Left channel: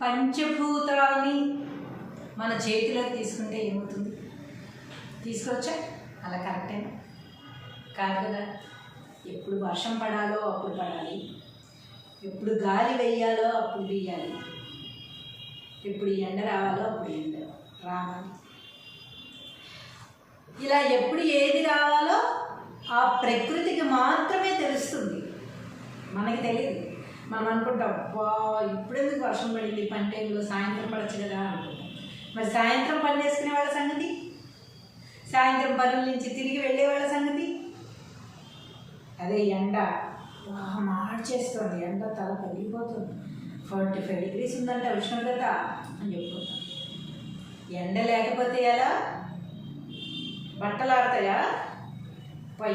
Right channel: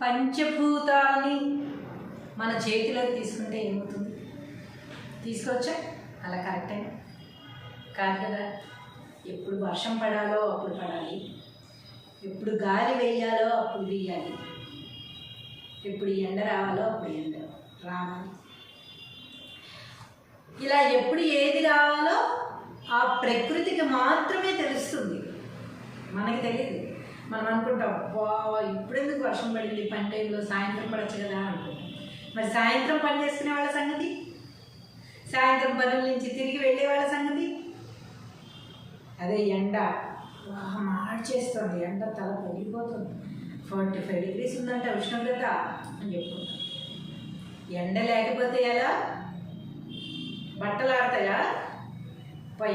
పంచభూతాలని మన చేతిలోకి తీసుకుంటే ఏమవుతుంది? తీసుకోవచ్చా? అలా కరెక్టేనా? కాదు కదా. ఎప్పుడు వర్షం పడాలో అప్పుడు పడాలి, ఎప్పుడు గాలి వేయాలో అప్పుడు వేయాలి, ఎప్పుడు ఎండ రావాలో అప్పుడు ఎండ రావాలి. ఇలా ఎప్పుడు ఏది రావాలో ఆ ప్రకృతికి మాత్రమే తెలుస్తుంది, మనకి తెలియదు. మనం అనుకుంటాం, ఇప్పుడెందుకు వర్షం పడింది, పని టైంలో సాయంత్రం పడచ్చు కదా అనుకుంటాం. మరి సాయంత్రం పని చేసుకునే వాళ్ళ సంగతి, సాయంత్రం పనుల నుంచి తిరిగి వెళ్ళే వాళ్ళ సంగతి. అదే ఎండ మార్చేస్తుంది, ఎండ తల పెరిగిపోతుంది, 45 degrees ఉందంటే ఉష్ణోగ్రత అని చెప్పుకుంటాం. ఎండ లేకపోతే ఎలా? బట్టలు ఆడతాయా?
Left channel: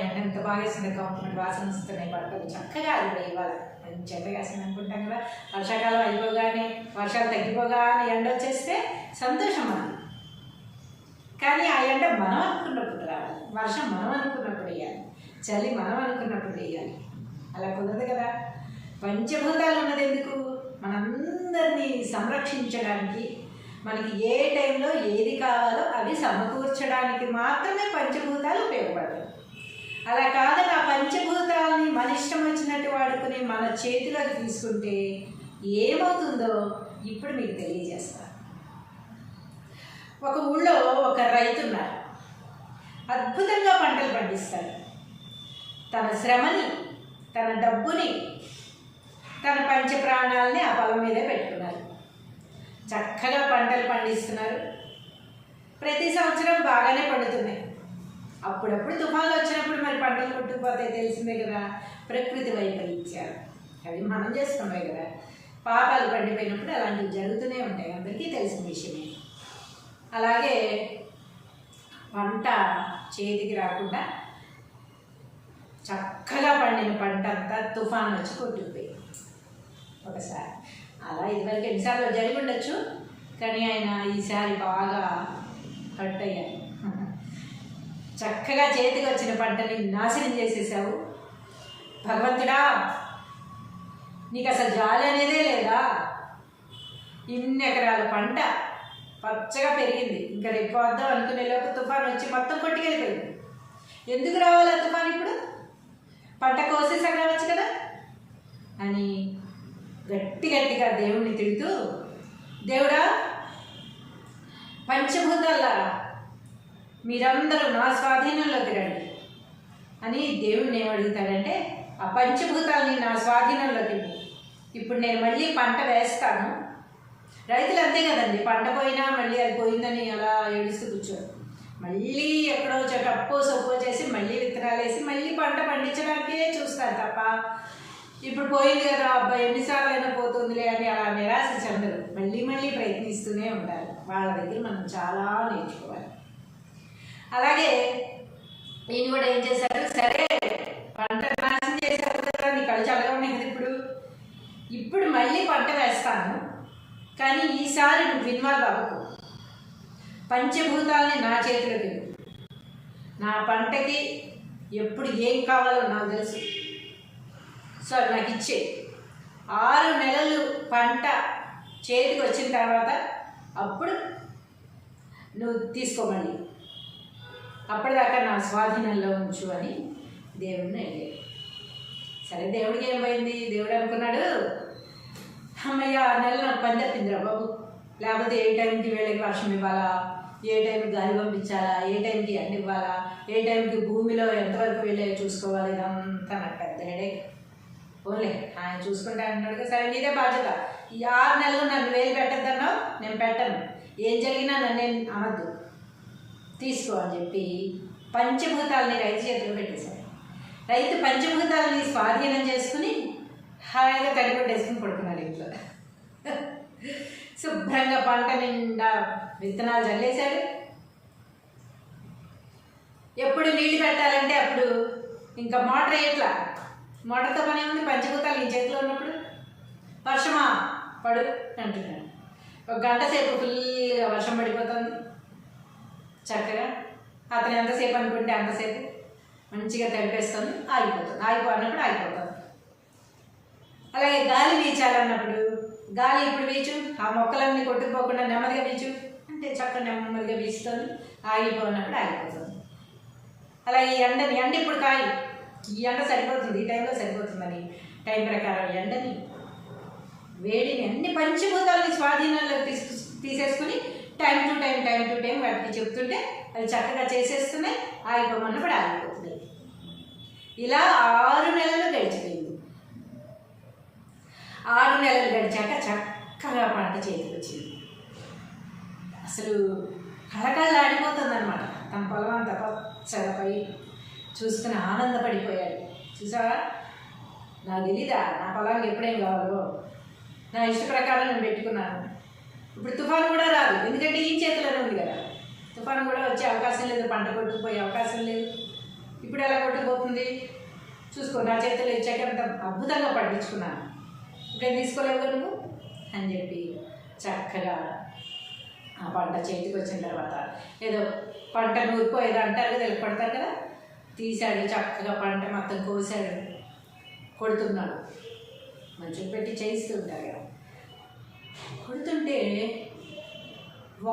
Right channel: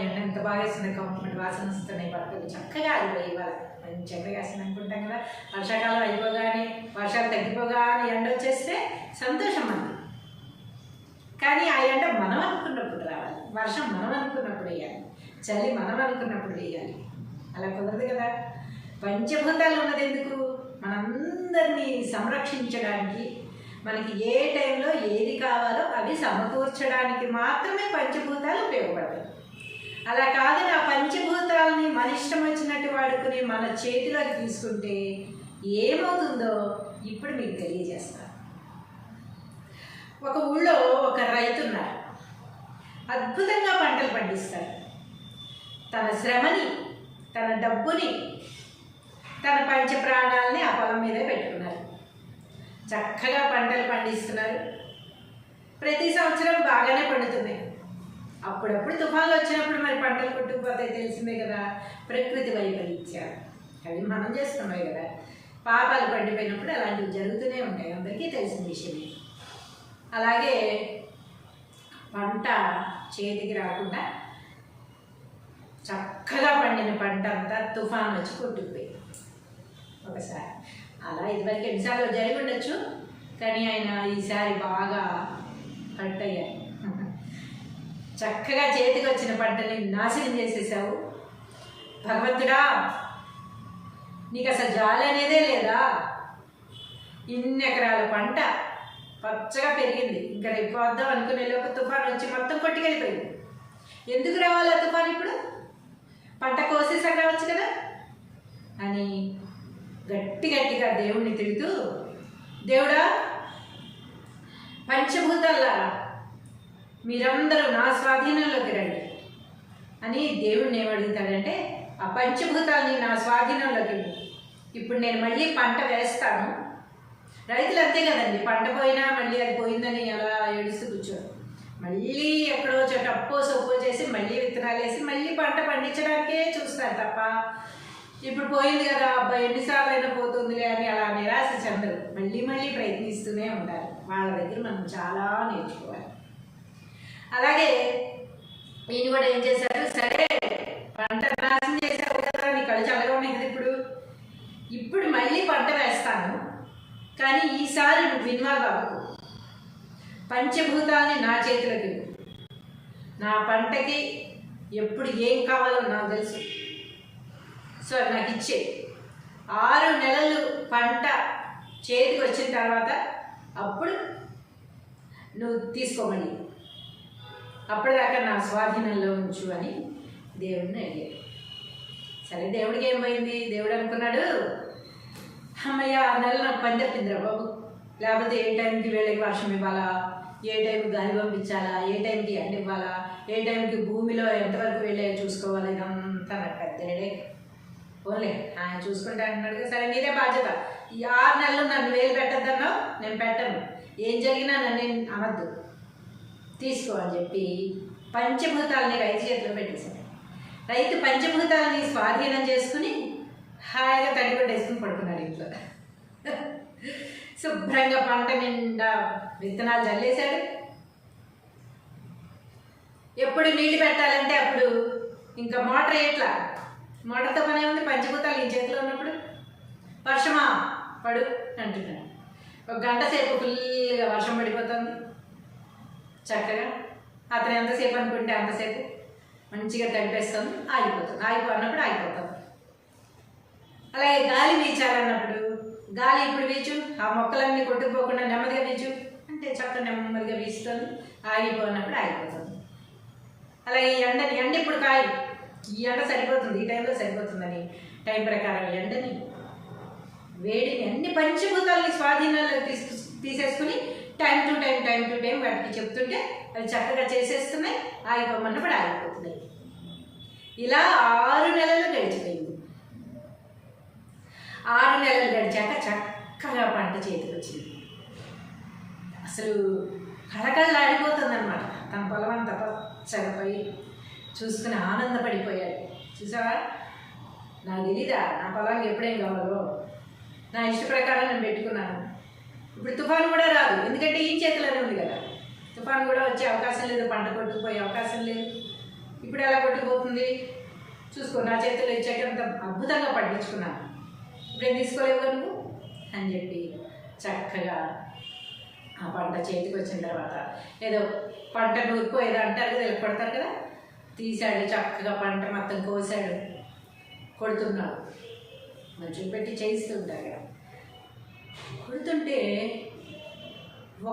ఎండ ఎంత బాగా వేస్తుంది, కంపెనీ వాసన వస్తున్నాయి, బట్టలు చక్కగా ఆడిపోయి ఇవాళ మంచి ఎండగా వేస్తుంది అనుకుంటాం కదా. వర్షాకాలం అయిపోగానే, వర్షాలు తగ్గిపోగానే ఎండ వచ్చేస్తే సంతోషం మనకి. కానీ ఆ ఎండ మనం అనుకున్నప్పుడు రావాలి, వర్షం మనం అనుకున్నప్పుడు వేయాలి, చలి మనం అనుకున్నప్పుడు వేయాలి. అలా కుదరదు కదా. పంచభూతాలు ఉన్నది ఎందుకు? మనందరినీ సంరక్షించడానికి, మనకి ఏ టైంలో ఏది కావాలో అవి సమకూర్చడానికి మాత్రమే పంచభూతాలు ఉపయోగపడతాయి. అలా కాదని ఆ పంచభూతాలని మన ఇష్టం వచ్చినట్టు వాడుకుని మన చేతిలోకి తీసుకుంటే ఏమవుతుందో ఇప్పుడు మీకు తెలియజేస్తాను. ఒక ఊళ్ళో ఒక రైతు ఉన్నారు, అద్భుతంగా పంటలు పండిస్తారు. తన శ్రమని, తన డబ్బుని, తన పంచ ప్రాణాలని ఆ పొలం మీదే పెట్టుకున్నారు. చక్కగా పంటలు పండిస్తున్నారు. ప్రతి సంవత్సరం బాగానే పండుతున్నాయి. అప్పుడప్పుడు తుఫాన్లు వచ్చినప్పుడు మరి పంటలు కొట్టుకుపోతాయి, తెలిసిందే కదా. ప్రకృతి వైపరీత్యాలు అవి మనం చేస్తున్నాయి కదా. పాపాలు పండిపోయినప్పుడు అలాంటివి జరుగుతూనే ఉంటాయి, అందరికీ తెలిసిన విషయమే. అలాగే పంట చేతికి రాకుండా చక్కగా పండిన పంట అంతా తుఫాన్ వచ్చి కొట్టుకుపోయి ఒకసారి. అలా ఇదివరకు ఎన్నిసార్లు జరిగి ఉండొచ్చు, కానీ ఆయన ఈసారి బాగా హర్ట్ అయ్యారు. చక్కగా చేతికి వచ్చిన పంటని నాశనం చేసేసావు, భగవంతుడా నీకు అసలు జాలి అనేదే లేదా? ఇన్ని ఎకరాల పంట పచ్చగా పెరిగింది, ఇంకా రేపు వద్దాం అనుకునే లోపు తుఫాన్ వచ్చి మొత్తం కొట్టుకెళ్ళిపోయింది. ఎందుకు రావాలి ఆ తుఫాన్? ఇప్పుడు పంట కోసేసాక రావచ్చు కదా అని గట్టిగా దేవుణ్ణి తిడుతూ, దేవుడా పంచభూతాలారా మీరందరూ నా స్వాధీనంలోకి రండి అని దేవుణ్ణి ఏమడుగుతాడంటే, ఆ పంచభూతాలని నా స్వాధీనంలోకి, ఇప్పుడు నేను మళ్ళీ పంట వేస్తాను. రైతులు అంతే కదండి, పంట పోయినా మళ్ళీ అది పోయిందని అలా ఏడుస్తూ కూర్చోరు. మళ్ళీ ఎక్కడో చోట అప్పో సొప్పో చేసి మళ్ళీ విత్తనాలు వేసి మళ్ళీ పంట పండించడానికే చూస్తారు తప్ప, ఇప్పుడు పోయింది కదా అబ్బాయి ఎన్నిసార్లు అయినా పోతుందిలే అని అలా నిరాశ చెందరు. మళ్ళీ ప్రయత్నిస్తూనే ఉంటారు. వాళ్ళ దగ్గర మనం చాలా నేర్చుకోవాలి. అలాగే ఈయన కూడా ఏం చేశారు, సరే పంట నాశనం చేశారు కదా, నీ కళ్ళు చల్లగా ఉన్నాయి కదా, ఇప్పుడు మళ్ళీ పంట వేస్తాను, కానీ ఈసారి నువ్వు ఇన్వాల్వ్ అవ్వకు, పంచభూతాలని నా చేతిలోకి, నా పంటకి ఎప్పుడు ఏం కావాలో నాకు తెలుసు, సో నాకు ఇచ్చే 6 నెలలు పంట చేతికి వచ్చిన తర్వాత అప్పుడు నువ్వు తీసుకోమని, అప్పటిదాకా నా స్వాధీనంలో ఉంచు అని దేవుడిని అడిగాడు. సరే దేవుడికి ఏమైంది? దేవుడు అనుకున్నాడు, అమ్మయ్య 6 నెలలు నాకు పని తప్పిందిరా బాబు, లేకపోతే ఏ టైంకి వీళ్ళకి వర్షం ఇవ్వాలా, ఏ టైంకి గాలి పంపించాలా, ఏ టైంకి ఎండ ఇవ్వాలా, ఏ టైంకి భూమిలో ఎంతవరకు వెళ్ళే చూసుకోవాలి, ఇదంతా నాకు పెద్ద హెడేక్. ఓన్లే ఆయన చూసుకుంటా అంటున్నాడు కదా, సరే నీదే బాధ్యత, ఈ 6 నెలలు నన్ను వేలు పెట్టద్దన్నావు, నేను పెట్టను, ఏం జరిగినా నన్ను అనద్దు, తీసుకో అని చెప్పి పంచభూతాలని రైతు చేతిలో పెట్టేశారు. రైతు పంచభూతాలని స్వాధీనం చేసుకుని హాయిగా తడిపట్టేసుకుని పడుకున్నాడు ఇంట్లో. శుభ్రంగా పంట నిండా విత్తనాలు చల్లేశాడు. ఎప్పుడు నీళ్ళు పెట్టాలంటే అప్పుడు ఇంకా మోటార్ ఎట్లా, మోటార్తో పనే ఉంది, పంచభూతాలు ఈ చేతిలో ఉన్నప్పుడు. వర్షమా పడు అంటున్నాడు. 1 గంట సేపు ఫుల్గా వర్షం పడిపోతుంది. చక్కగా అతను ఎంతసేపు అనుకుంటే అంతసేపు మంచిగా తడిపేస్తుంది, ఆగిపోతుంది, అన్నప్పుడు ఆగిపోతుంది. అలాగే గాలి వీచాలన్నప్పుడు గాలి ఇప్పుడు వీచు, ఆ మొక్కలన్నీ కొట్టుకుపోకుండా నెమ్మదిగా వీచు అంటే చక్కగా నెమ్మదిగా వీస్తుంది. ఆగిపోయినప్పుడు ఆగిపోతుంది. అలా ఈ ఎండ ఇప్పుడు ఈ ఎండ సరిపోతుంది, ఈ టైంలో సరిపోతుందని టైం ప్రకారం ఎండని, వేడిని, అన్ని పంచభూతాలని స్వాధీనంలో తీసేసుకుని టైం టు టైం వాటికి చెప్తుంటే అవి చక్కగా చేసేస్తున్నాయి. ఆగిపోమన్నప్పుడు ఆగిపోతున్నాయి. ఇలా 6 నెలలు గడిచిపోయింది. 6 నెలలు గడిచాక చక్కగా పంట చేతికి వచ్చింది. అసలు కళకళలాడిపోతుందన్నమాట. తన పొలం అంతా పచ్చగా పై చూసుకుని ఆనందపడిపోయాడు. చూసావా, నాకు తెలీదా నా పొలానికి ఎప్పుడేం కావాలో, నా ఇష్ట ప్రకారం నేను పెట్టుకున్నాను. ఇప్పుడు తుఫాను కూడా రాదు, ఎందుకంటే ఈ చేతిలోనే ఉంది కదా. తుఫాను కూడా వచ్చే అవకాశం లేదు, పంట కొట్టుకుపోయే అవకాశం లేదు. ఇప్పుడు ఎలా కొట్టుకుపోతుంది చూసుకో, నా చేతిలో ఇచ్చాక అంత అద్భుతంగా పండించుకున్నాను, ఇప్పుడేం తీసుకోలేవు నువ్వు అని చెప్పి చక్కగా ఆ పంట చేతికి వచ్చిన తర్వాత ఏదో పంట నూరుకో ఏదో అంటారు కదా, పడతారు కదా, తీశాడు. చక్కగా పంట మొత్తం కోసాడు, కొడుతున్నాడు. మంచిగా పెట్టి చేయిస్తూ ఉంటారు కదా. కొడుతుంటే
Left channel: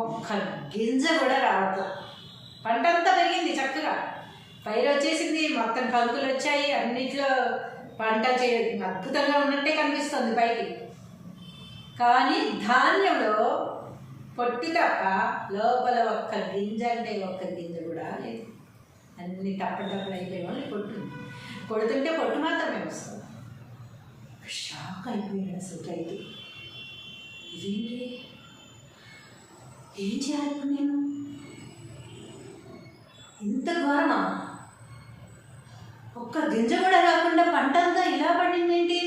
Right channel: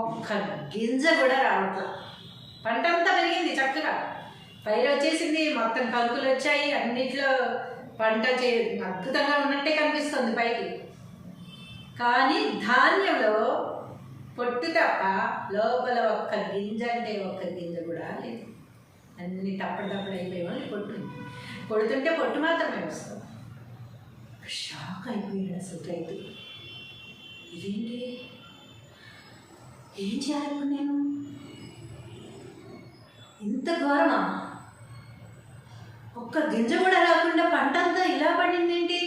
ఒక్క గింజ కూడా రావట్లా. పంట అంతా పెరిగింది, చక్కగా పైరు వచ్చేసింది, మొత్తం కంకులు వచ్చాయి, అన్నిట్లో పంట అద్భుతంగా ఉన్నట్టే కనిపిస్తుంది పైకి. కానీ ధాన్యంలో పొట్టు తప్ప లోపల ఒక్క గింజ అంటే ఒక్క గింజ కూడా లేదు. అన్ని తప్పటప్పుడు అయిపోయి వాళ్ళు పొట్టు కొడుతుంటే పొట్టు మాత్రమే వస్తుంది. షాక్ అయిపోయాడు అసలు రైతు. ఇదేంటి, ఏం చేయాలి ఇప్పుడు నేను? ఇంత ఘోరమా? ఒక్క గింజ కూడా రాకుండా పంట అంతా ఇలా పడింది ఏంటి?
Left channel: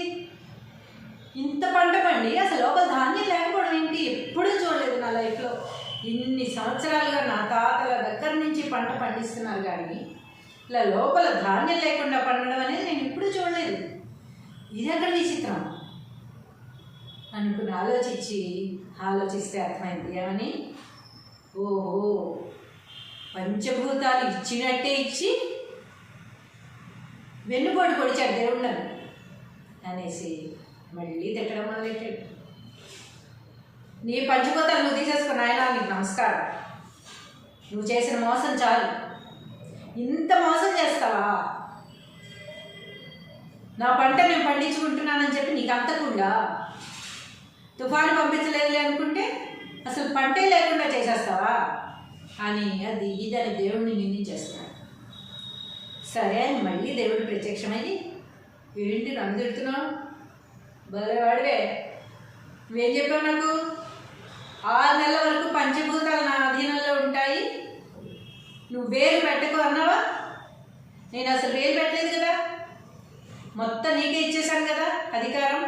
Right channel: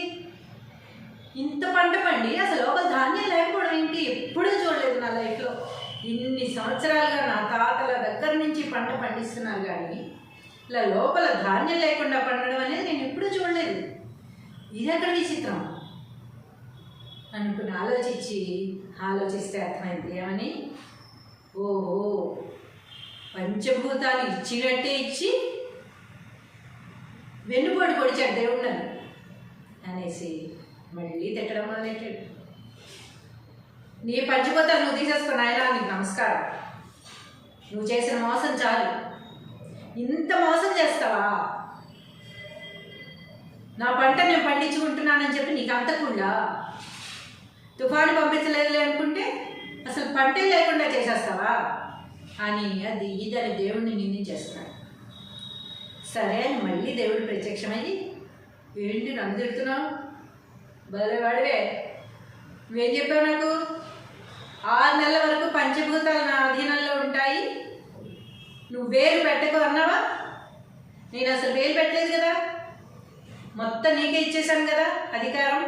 ఇంత పంట పండి అసలు లోపల ధాన్యం లేకపోవడం ఏంటి? ఎప్పుడూ చూడలేదు నా లైఫ్లో. ఇన్ని సంవత్సరాలుగా నా తాతల దగ్గర నుంచి పంట పండిస్తున్నారు, కానీ ఇలా లోపల ధాన్యం లేకుండా పండడం అనేది నేను ఎప్పుడూ చూడలేదు. ఇది ఎక్కడ విచిత్రం అనుకుని ఆలోచిస్తే అర్థమైంది. ఏమని? ఓహో, పంచభూతాలు ఇచ్చినట్టే ఇచ్చి వెన్నుపోటు పొడిచాడు దేవుళ్ళని అనేసి మళ్ళీ తిట్టడం మొదలెట్టాడు. నీ పంచభూతాలు నువ్వు తీసేసుకున్న ఆయన, నీకు నమస్కారం, నువ్వు చేసిన మోసం చాలు. ఇంత మోసం చేస్తావా? నా పంట నేను పండించుకుంటున్నానని చెప్పి నీకు అంతకుండా తుఫాను పంపించలేదులే అనుకుంటే అసలు పంటే లేకుండా చేసేస్తావా అని అది ఇదని దేవుడిని నిందించేస్తున్నాడు. సరే అని మళ్ళీ దేవుడు ప్రత్యక్షమయ్యి, ఏంటి నన్ను తిడుతున్నావు? భలేవాడివే, నువ్వేం చెప్పావు నాకు? 6 నెలల వరకు పంచభూతాలు నా అధీనంలో ఉంటాయి, నువ్వు వేరు పెట్టకు అన్నావా? నేను అసలు వేరు పెట్టలేదు కదా, మొత్తం నీకే ఇచ్చేసాను కదా అధికారం.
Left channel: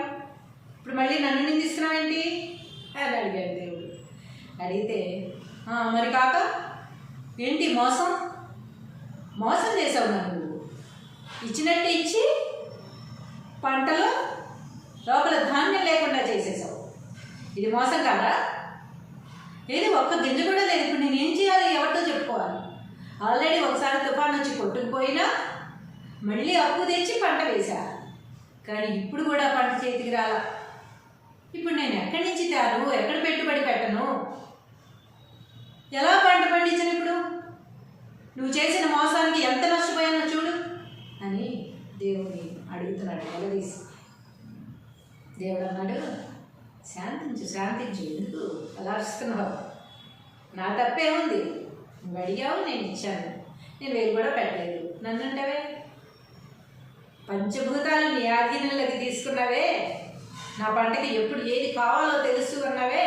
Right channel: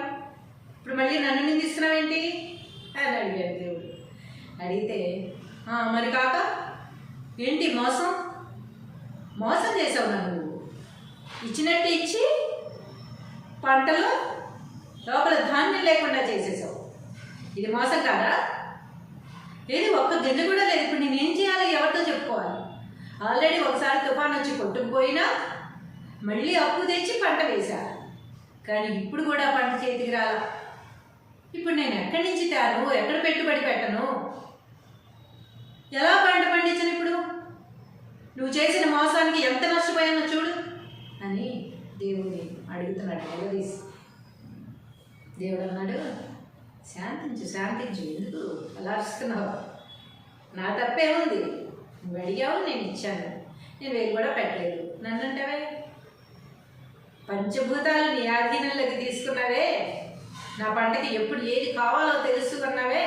ఇప్పుడు మళ్ళీ నన్ను నిందిస్తున్నావేంటి అని అడిగాడు దేవుడు. అడిగితే మరి కాక ఏంటి మోసం చేసావు నన్ను. నువ్వు ఇచ్చినట్టు ఇచ్చి పంటలో లోపల ధాన్యం లేకుండా చేసేసావు. ఇది మోసం కాదా? ఏది ఒక్క గింజ కూడా లేదు. ఇప్పుడు నేనేం చేయాలి? ఎవరితో చెప్పుకోవాలి? ఆల్రెడీ ఒకసారి తుఫాన్ వచ్చి కొట్టుకుపోయినా మళ్ళీ అప్పు తెచ్చి పంట వేశా, కానీ ఇప్పుడు కూడా పంట చేతికి రాలా. ఇప్పుడు నేను ఎక్కడి నుంచి తేను? ఎక్కడ పెట్టుబడి పెట్టను? ఎలా పంట పండించను? ఇప్పుడు నువ్వు చేసిన మోసానికి ఎంత నష్టపోయానో చూడు అని దేవుడిని అడుగుతున్నాడు నిలదీసి. దేవుడు అన్నాడు, శాంతించు, ఎందుకు అలా అరుస్తున్నావు? నా తప్పేముంది? నువ్వు అడిగావు, నేను ఇచ్చాను, నేను వేలు కూడా పెట్టలేదు. నన్ను అంటావే? పంచభూతాలు నీ ఆధీనంలోకి తీసుకున్నావే, నా పంటకి ఎప్పుడు ఏది కావాలో తెలుసుకున్నావే,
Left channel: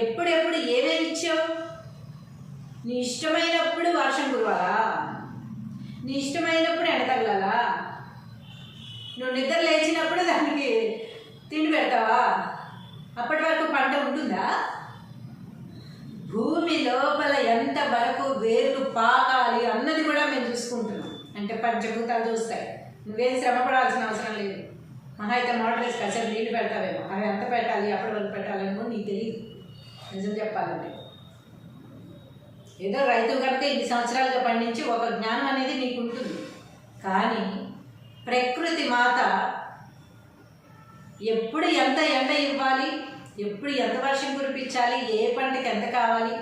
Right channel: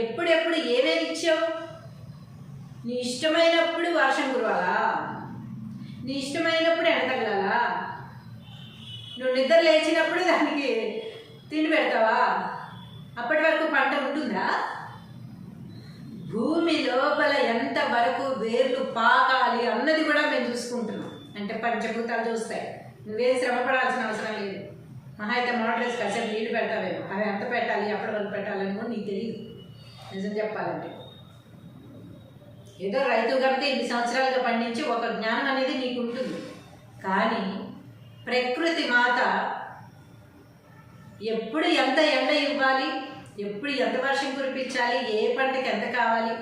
ఎప్పుడెప్పుడు ఏమేమి ఇచ్చావు? నీ ఇష్టమైనప్పుడు వర్షం కురవాలా? నీ ఇష్టమైనప్పుడు ఎండ తగలాలా? నువ్వు నిద్ర లేచినప్పుడు దానికి తిండి పెడతావా? అప్పటి వరకు పంట ఉంటుందా? భూమి లోపల ఎంత వరకు వేర్లు పాకాలి అన్నది కూడా మేము చూసుకుంటున్నాం. అంటే పంచభూతాలు చూస్తాయి. నువ్వేం శ్రమ పడాల్సిన అవసరం లేదు. మహా అయితే మోటార్స్ కాసేపు నీళ్ళు పెడతావేమో, అవి ఎంత పెట్టాలి, అప్పటి వరకు పెట్టాలని కూడా నీకు తెలియదు. నిజం చెప్పాలంటే ఏదో రైతు కనుక ఇన్ని సంవత్సరాలుగా పండించి ఒక జ్ఞానం అనేది నీకు ఉంటుంది. కానీ ప్రకృతి మాత ఎప్పుడు ఎంత ఎండ ఇవ్వాలి, ఎప్పుడు ఎంత వర్షం కురిపించాలి, ఏ పంటకి ఎంత కావాలి,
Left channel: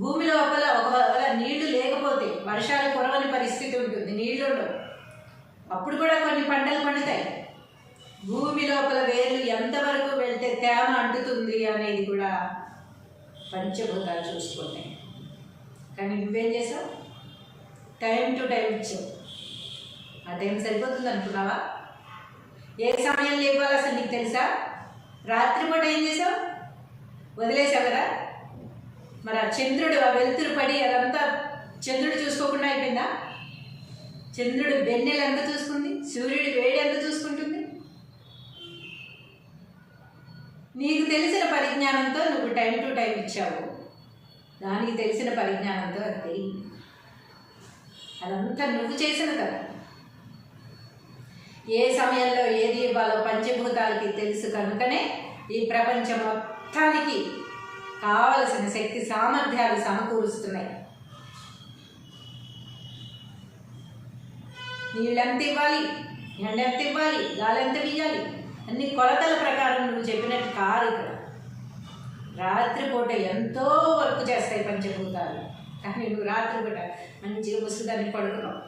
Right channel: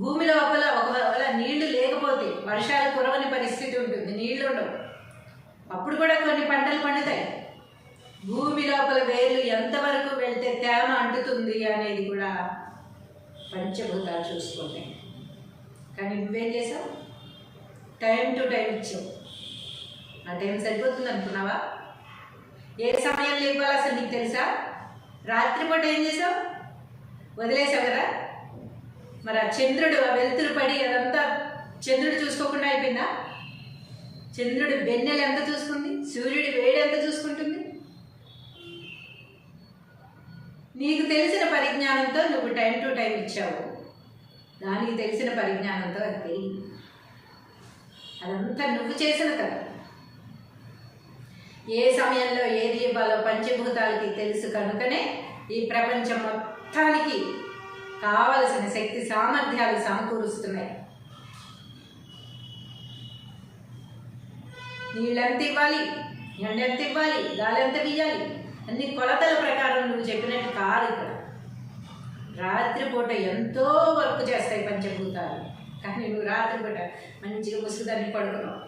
భూమి లోపల ఒకవేళ నీళ్లు లేకపోతే వర్షాలు కురవని పరిస్థితి ఉంటుంది, నీళ్లు ఉండవు, అప్పుడు కూడా కొన్ని పంటలు పండుతాయి. భూమి లోపల వేర్లు ఎంతవరకు వెళ్తే తేమ అంటుతుంది అనేది కూడా పంచభూతాలు చూసుకుంటాయి. కానీ నువ్వేం చేసావు? టైం టు టైం ఇచ్చావు. ఆ టైం సరిపోతుంది అనుకున్నావా? ఏ సమయంలో ఇవ్వాలి అసలు నీకు తెలుసా? రాత్రిపూట ఏం చేసావు? వదిలేసావు కదా. మరి ఆ చంద్రుడు ఆ వెలుతురు పడి అదంతా చంద్రుడు చూసుకోకుండా అయిపోయిందా? చంద్రుడు వెన్నెలు ఎంత చూసుకుంది, సూర్యుడి వేడి ఎంత చూసుకుంటుంది? నీకు తెలిసిన పరిజ్ఞానంతో నువ్వు టైం టు టైం ఇచ్చావు. దానికి తెలిసిన పరిజ్ఞానంతో అది తెలియదు. అదంతా నువ్వు చేసిన కదా. ఏ సమయంలో ఏది ఇవ్వాలో పంచభూతాలకి తెలుసు కనుకనే ఈ ప్రపంచం మొత్తానికి కావలసిన శక్తి సామర్థ్యాలు సమకూరుస్తున్నాయి. నీళ్ళెంత ఇవ్వాలి, ఎండ ఎంత ఇవ్వాలి, గాలి ఎంత వీయాలి, అన్ని కొలతల ప్రకారం నువ్వు చెప్పినట్టు కాదు. ఇక్కడ రాత్రిపూట ఎంతో వర్క్ చేస్తాయి పంచభూతాలు. కానీ నువ్వు రాత్రిపూట మంచిగా ముసుగుదాన్ని పడుకున్నావు.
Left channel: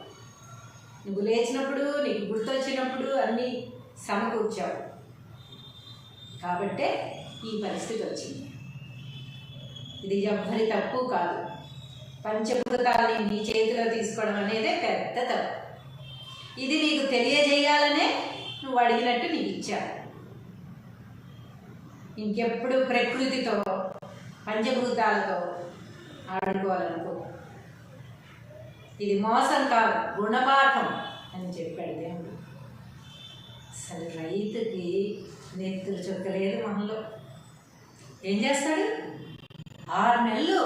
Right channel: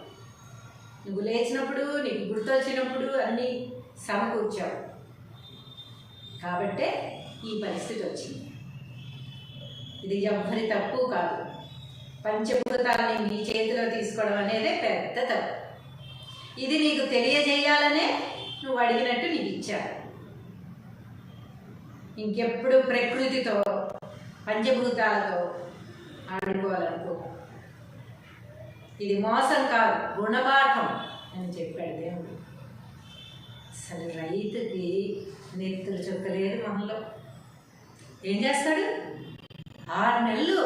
నువ్వు లేచినప్పుడు, నీకు గుర్తొచ్చినప్పుడు అన్నీ సమకూర్చావు. కాబట్టే ఈ పరిస్థితి వచ్చింది. ఇది ఎవ్వరి తప్పు కాదు. పంచభూతాలని నీ చేతిలో తీసుకోవడం అనేదే పెద్ద తప్పు. ఇది నీకు తెలియజేయాలనే నువ్వు అడిగినట్టు నీకు ఇచ్చావు. ఇంకెప్పుడు ప్రకృతితో పంచభూతాలతో ఆడుకోవాలనుకో. ఇది మోసం కాదు, గుణపాఠం అని చెప్పాడు దేవుడు. అసలు రైతుకి నెత్తులు చుక్కలేదు మొహంలో. ఏం చేస్తాడు? 6 నెలలు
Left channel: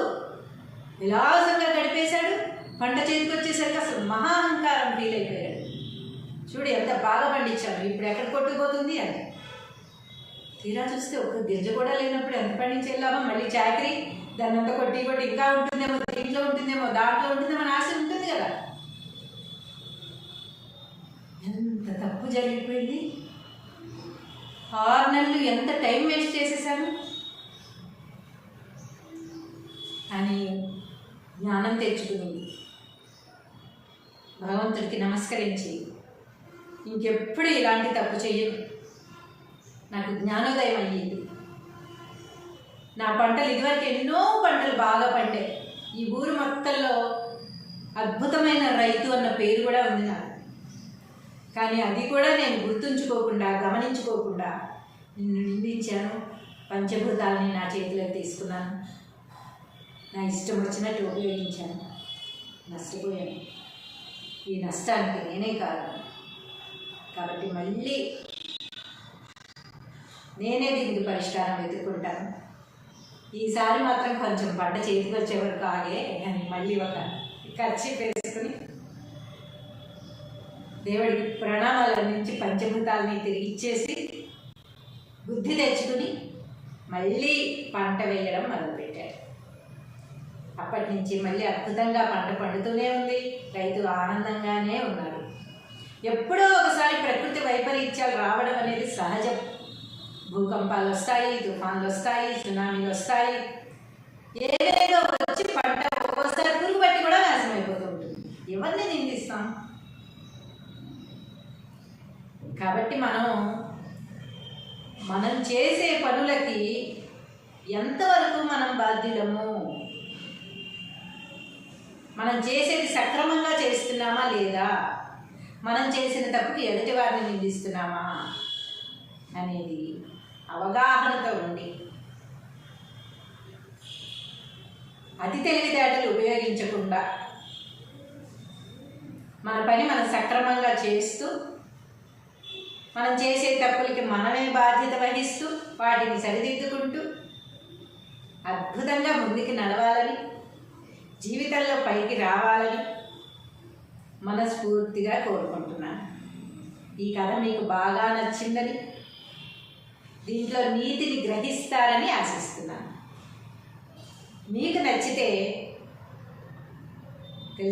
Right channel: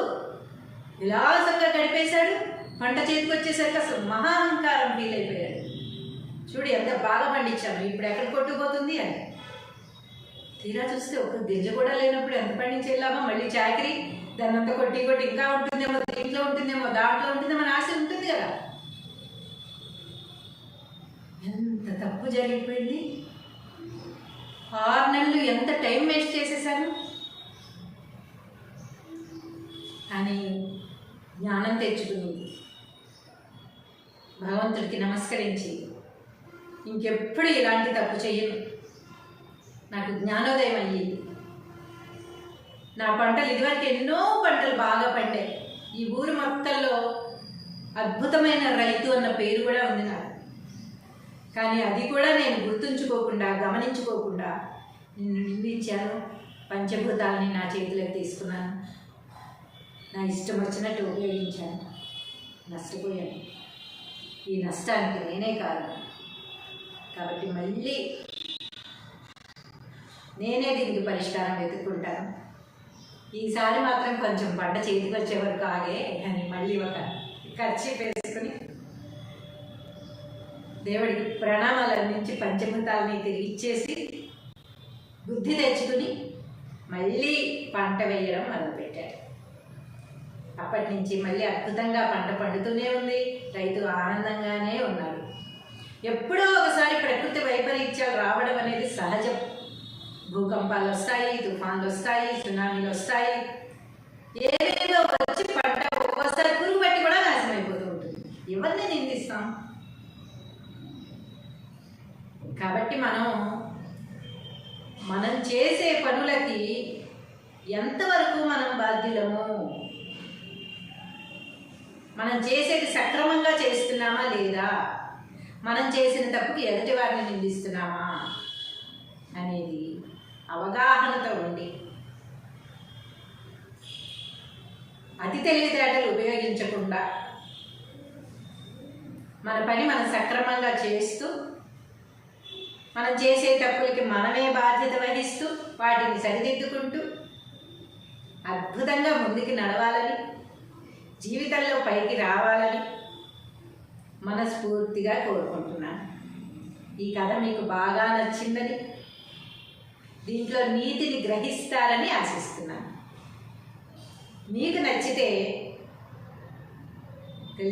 విలాసంగా గడిపేశాడు. పంట చేతికి వచ్చేసరికి అసలు మహాహంకారం ఫీల్ అయిపోయాడు. చూడు ఎంత బాగా పండించాను, ఇప్పుడు ఎక్కడ కొట్టుకుపోతుంది అని. తీరా చూస్తే ఒక్క గింజ కూడా లేనప్పుడు ఎంత పండించేలామో, మళ్ళీ చాకరీ దాన్ని అంతా కొట్టి ఇంకా ఉంటుందేమో, దీంట్లో ఉంటుందేమో, దాంట్లో ఉంటుందేమో అని ఆశ ఉంటుంది కదా. ఎంత తప్పు జరిగిపోయింది. 6 నెలలు ఎంత టైం వేస్ట్ చేసేసాను. అని జ్ఞానం తెచ్చుకుని భగవంతుడికి నమస్కరించి ఇంకెప్పుడు ఇలాంటి తప్పు చెయ్యను, నాకు జ్ఞానోదయం అయ్యింది. నా పంటలు ఇదివరకు ఎన్నో పంటలు బాగా పండాయి. ఈ ఊరు మొత్తంలో అద్భుతమైన రైతు అన్న పేరు కూడా ఉంది నాకు. కానీ అది కూడా నేను గుర్తుంచుకోకుండా, గమనించుకోకుండా నిన్ను నిందించాను. పంచభూతాలని నా చేతిలోకి తీసుకున్నాను. నా ఇష్టం వచ్చినట్టు ఉపయోగించాను. నష్టపోయాను. ఈ నష్టానికి నేనే కారణం. కాబట్టి మళ్ళీ నేనే దీనికి పరిష్కారం వెతుక్కుంటాను. ఈసారి మాత్రం కొంచెం పంట చేతికి వచ్చే వరకు ఆగే అని మళ్ళీ ఒక ఖర్చు వేసుకుని దేవుడికి ప్రణామాలు అందించి పంచభూతాలని తిరిగి ఇచ్చేసి బుద్ధి తెచ్చుకుని మళ్ళీ పంట వేయడం మొదలుపెట్టాడు. అప్పటి నుంచి మళ్ళీ అద్భుతంగా పంట పండుతూనే ఉంది. రైతు ఆనందంగానే ఉన్నాడు. ఎప్పుడో ఒకసారి ప్రకృతి వైపరీత్యాలు రావడం అనేది సహజం. భూకంపాలు వస్తాయి, తుఫాన్లు వస్తాయి, సునామీలు వస్తాయి, ఏవేదో వచ్చి పంట ఒక్కోసారి పురుగు పట్టి కూడా నాశనం అయిపోతూ ఉంటుంది. ఎవరిని నిందిస్తాం? కాబట్టి మనం చేసే పనులకి ఎంతవరకు మనం బాధ్యులము, మనం చేసేది సక్రమంగా చేస్తున్నామా లేదా, మనం చేసిన తప్పుకి ఎదుటి వారిని నిందిస్తున్నామా అనేది అవగాహనతో ఉండి అతి తెలివితేటలు ఉపయోగించకుండా మన పని మనం సక్రమంగా చేస్తూ, మనం చేసే తప్పులకి మనమే బాధ్యత వహిస్తూ వాటిని సరిదిద్దుకుంటూ అద్భుతంగా ముందుకు నడవాలని, జీవితంలో పైకి రావాలని మనస్ఫూర్తిగా కోరుకుంటున్నాను. ఈ కథ మీకు బాగా నచ్చిందని, దీంట్లో నీతిని గ్రహిస్తారని ఆశిస్తున్నాను. మీకు నచ్చితే